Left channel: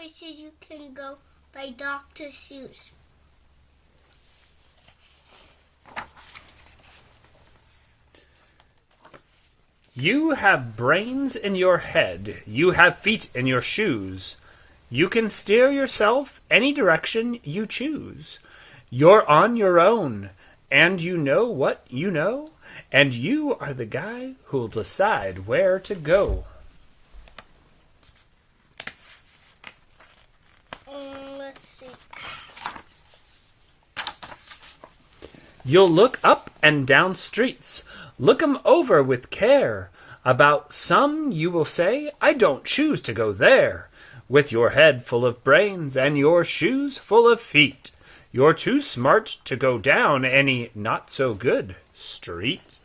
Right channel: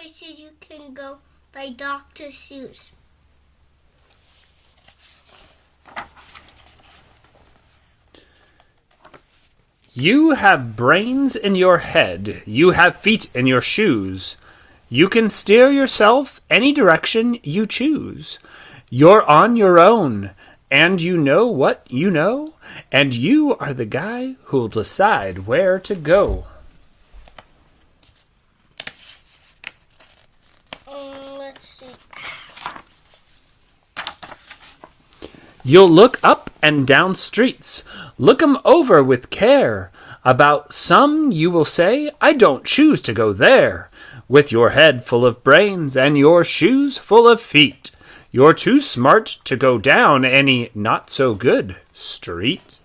places you can go by Dr. Seuss. You have brains in your head. You have feet in your shoes. You can steer yourself any direction you choose. You're on your own, and you know what you know, and you are the guy who'll decide where to go. Let's see. You'll look up and down streets. Look 'em over with care. About some you will say, I don't choose to go there. With your head full of brains and your shoes full of feet, you're too smart to go down any not-so-good street.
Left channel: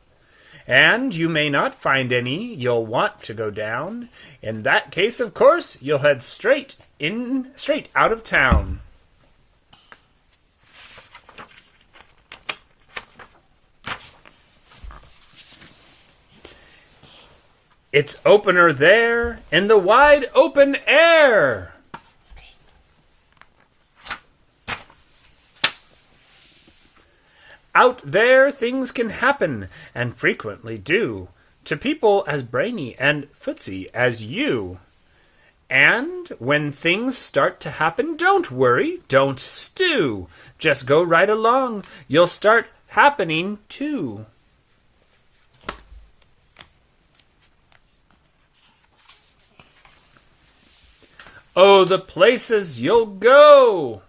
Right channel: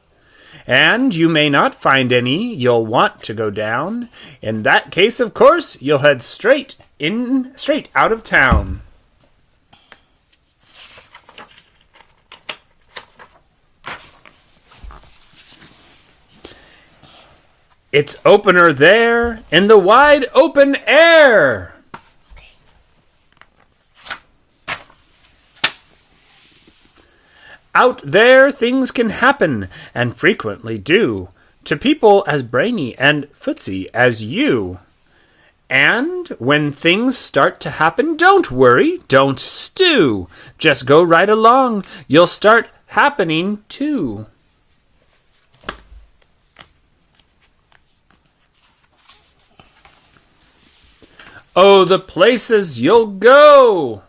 And you may not find any you'll want to go down. In that case, of course, you'll head straight out of town. It's opener there in the wide open air. Out there things can happen, and frequently do, to people as brainy and footsy as you. And when things start to happen, don't worry, don't stew. Just go right along, you'll start happening too. Oh, the places you'll go!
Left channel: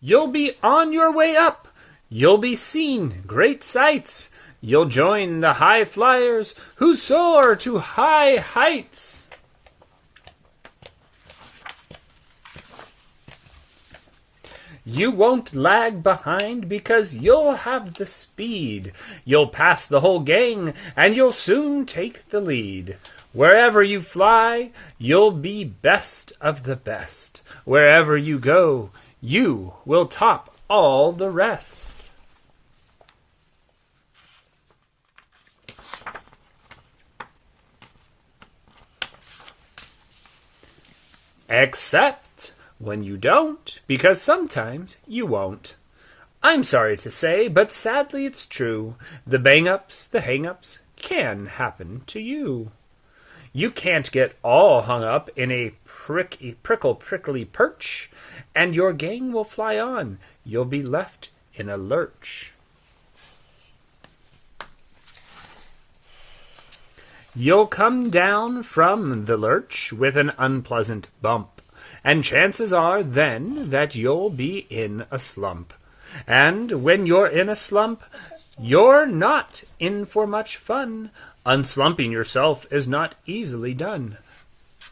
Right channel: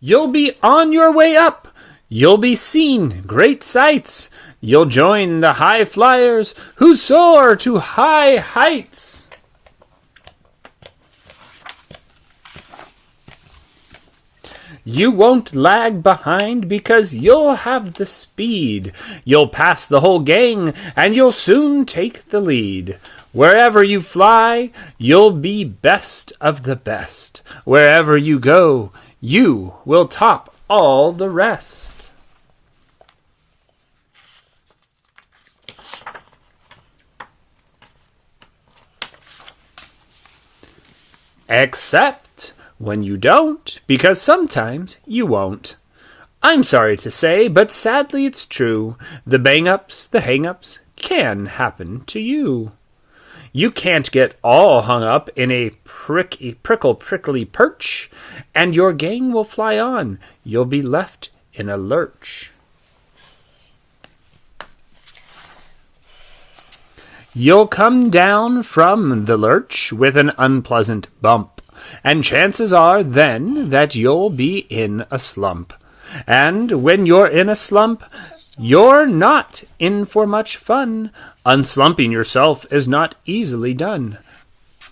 You'll be on your way up. You'll be seeing great sights. You'll join the high flyers who soar to high heights. You won't lag behind because you'll have the speed. You'll pass the whole gang and you'll soon take the lead. Wherever you fly, you'll be best of the best. Wherever you go, you will top all the rest. Except when you don't, because sometimes you won't. I'm sorry to say, but sadly it's true. The bang-ups, the hang-ups can happen to you. You can't get all hung up in a prickly perch, and your gang will fly on. You'll be left in a lurch. You'll come down from the lurch with an unpleasant bump, and chances are then that you'll be in a slump. And when you're in a slump, you're not in for much fun. Unslumping yourself is not easily done.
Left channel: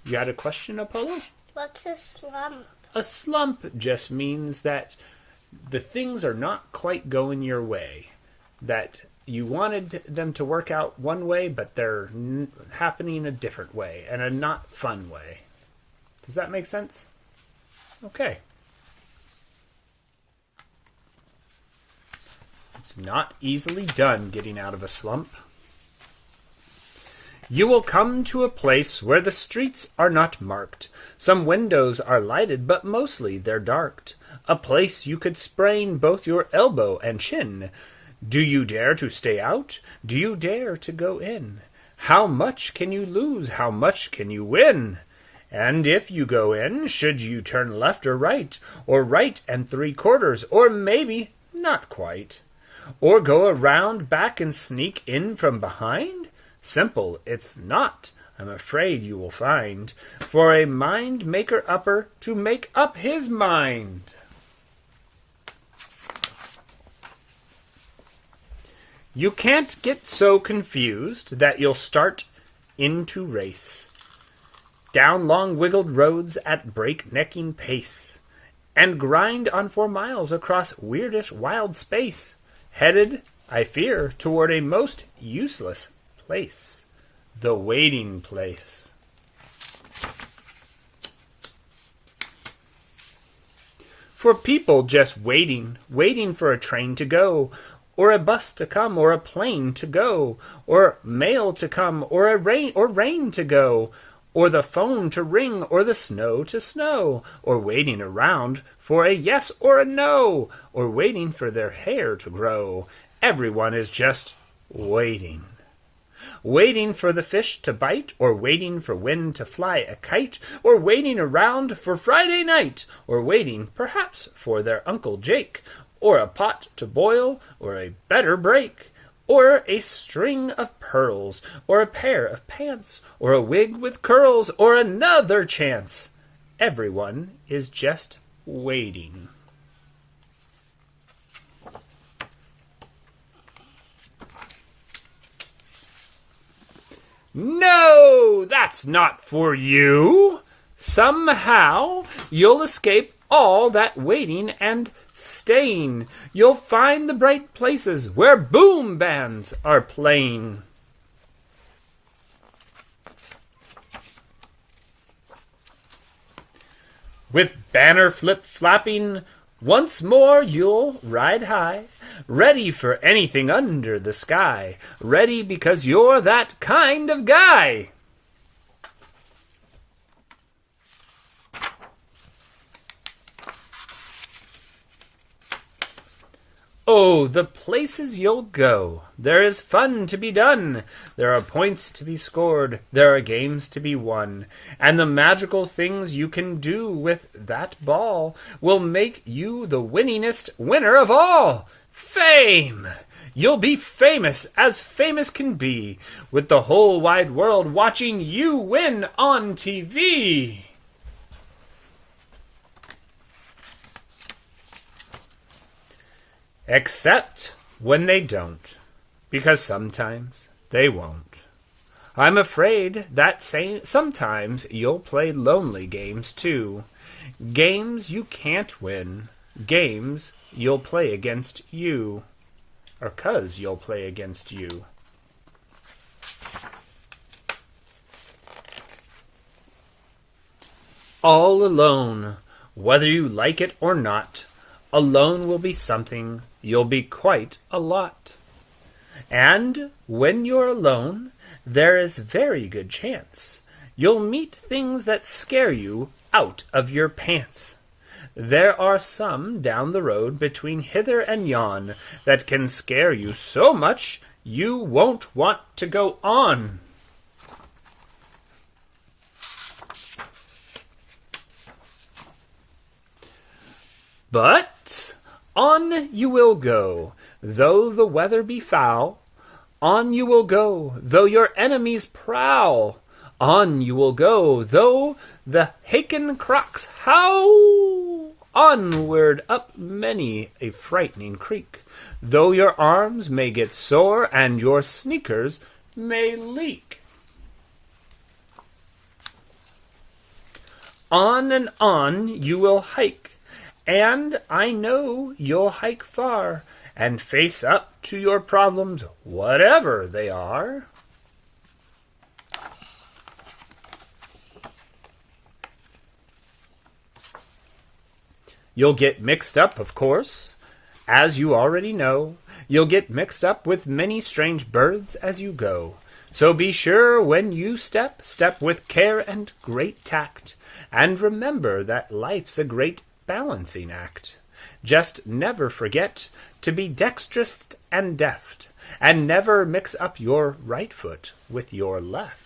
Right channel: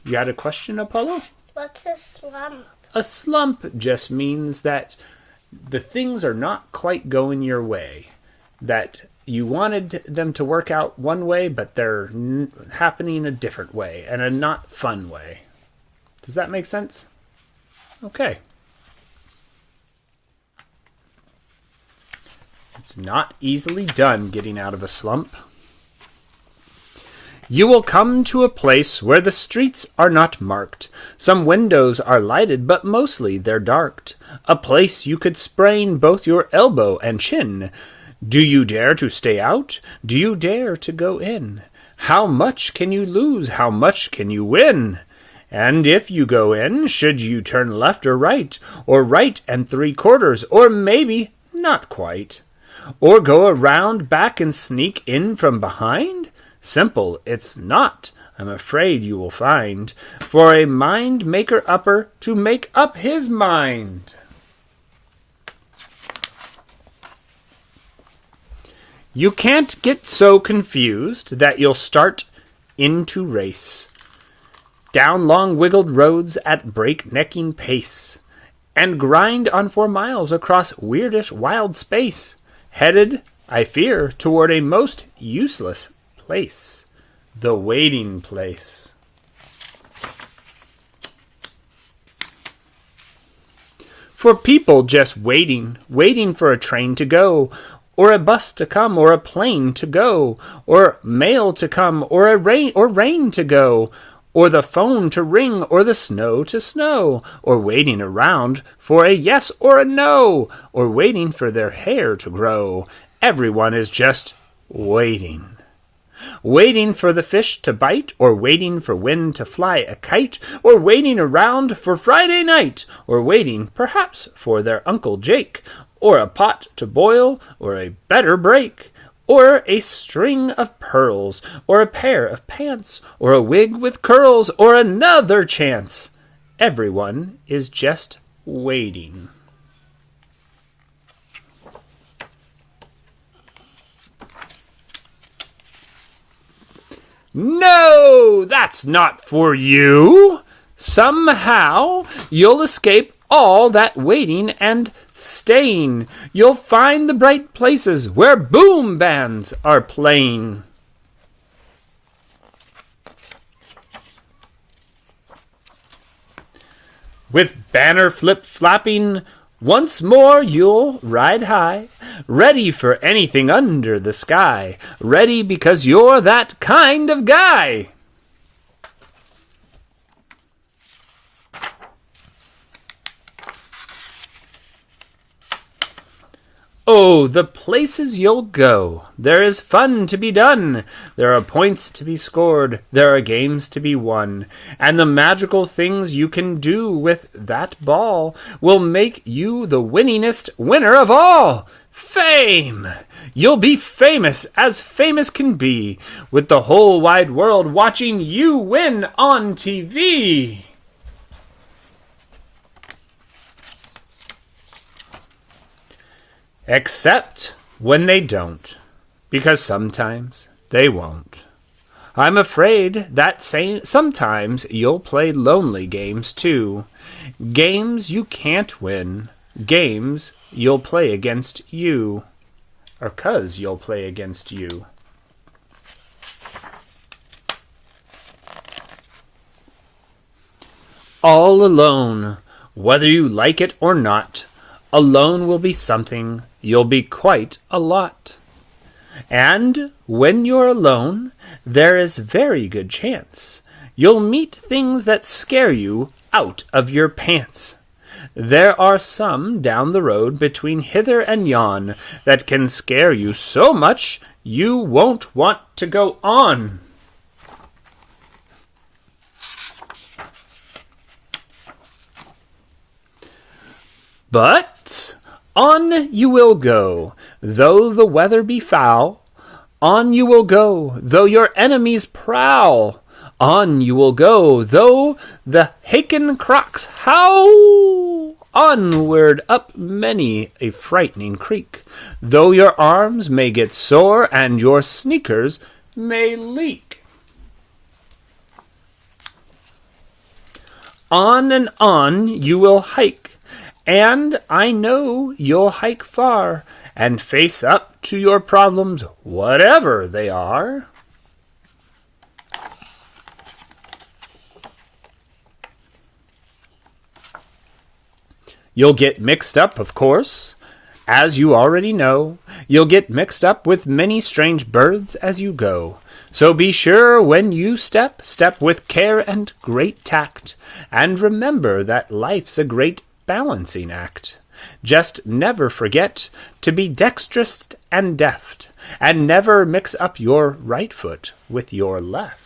You had a question, Apollo? What's a slump? A slump just means that the things are not quite going your way. That you wanted them to work out one way, but they're happening a different way, and a not fun way. Does that make sense? Okay. It's not easily done getting out of a slump. You will come to a place where the streets are not marked. Some windows are lighted, but mostly they're darked. A place you could sprain both your elbow and chin. Do you dare to stay out? Do you dare to go in? How much can you lose? How much can you win? And if you go in, should you turn left or right 3/4, or maybe not quite? Or go around back and sneak in from behind? Simple it's not, I'm afraid you will find, for a mind maker upper to make up his mind. You can't get so confused that you'll start into race down long wiggled roads at breaknecking pace, and grind on 4 miles across weirdish wild space, headed, I fear, toward a most useless place, the waiting place. For people just waiting for a train to go, or a bus to come, or a plane to go, or mail to come, or rain to go, or the phone to ring, or the snow to snow, or waiting around for a yes or a no, or waiting for their hair to grow. Everyone is just waiting. Waiting for the fish to bite, or waiting for wind to fly a kite, or waiting around for Friday night, or waiting, perhaps, for their Uncle Jake, or a pot to boil, or a better break, or a string of pearls, or a pair of pants, or a wig with curls, or another chance. Everyone is just waiting. No, that's not for you. Somehow you'll escape all that waiting and staying. You'll find the bright places where boom bands are playing. With banner flip-flapping, once more you'll ride high, ready for anything under the sky, ready because you're that kind of guy. Oh, the places you'll go. There is fun to be done. There are points to be scored. There are games to be won. And the magical things you can do with that ball will make you the winningest winner of all. Fame! You'll be famous as famous can be, with the whole wide world watching you win on TV. Except when they don't, because sometimes they won't. I'm afraid that sometimes you'll play lonely games too. Games you can't win. Games you'll play against you. Or 'cause you'll play against you. All alone, whether you like it or not. Alone will be something, you'll be quite a lot. And when you're alone, there is very good chance you'll meet things that scare you out of your pants. There are some down the road between hither and yon that can scare you so much you won't want to go on. But on you will go, though the weather be foul. On you will go, though your enemies prowl. On you will go, though the Haken crocs howl. Onward up many a frightening creek, though your arms may get sore and your sneakers may leak. On and on you will hike, and I know you'll hike far and face up to your problems, whatever they are. You'll get mixed up, of course, as you already know. You'll get mixed up with many strange birds as you go. So be sure when you step with care and great tact, and remember that life's a great balancing act. Just never forget to be dexterous and deft, and never mix up your right foot with your left.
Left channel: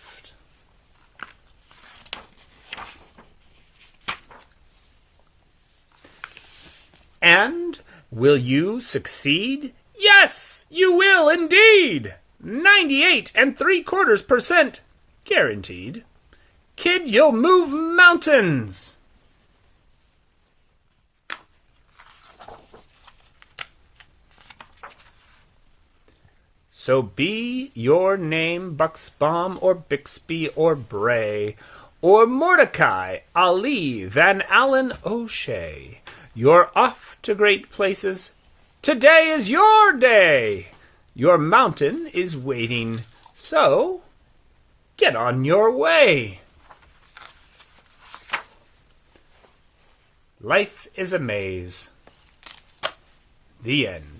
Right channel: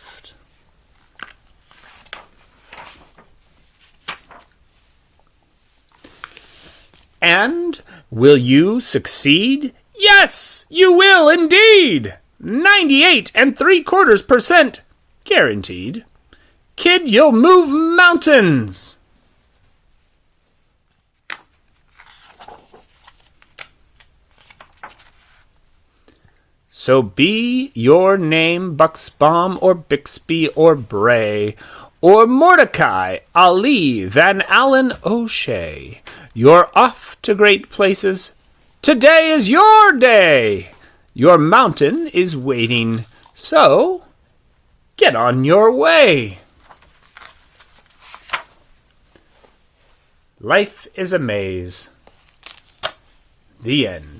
And will you succeed? Yes, you will indeed. 98.75% guaranteed. Kid, you'll move mountains. So be your name Buxbaum or Bixby or Bray or Mordecai, Ali, Van Allen, O'Shea. You're off to great places. Today is your day. Your mountain is waiting, so get on your way. Life is a maze. The end.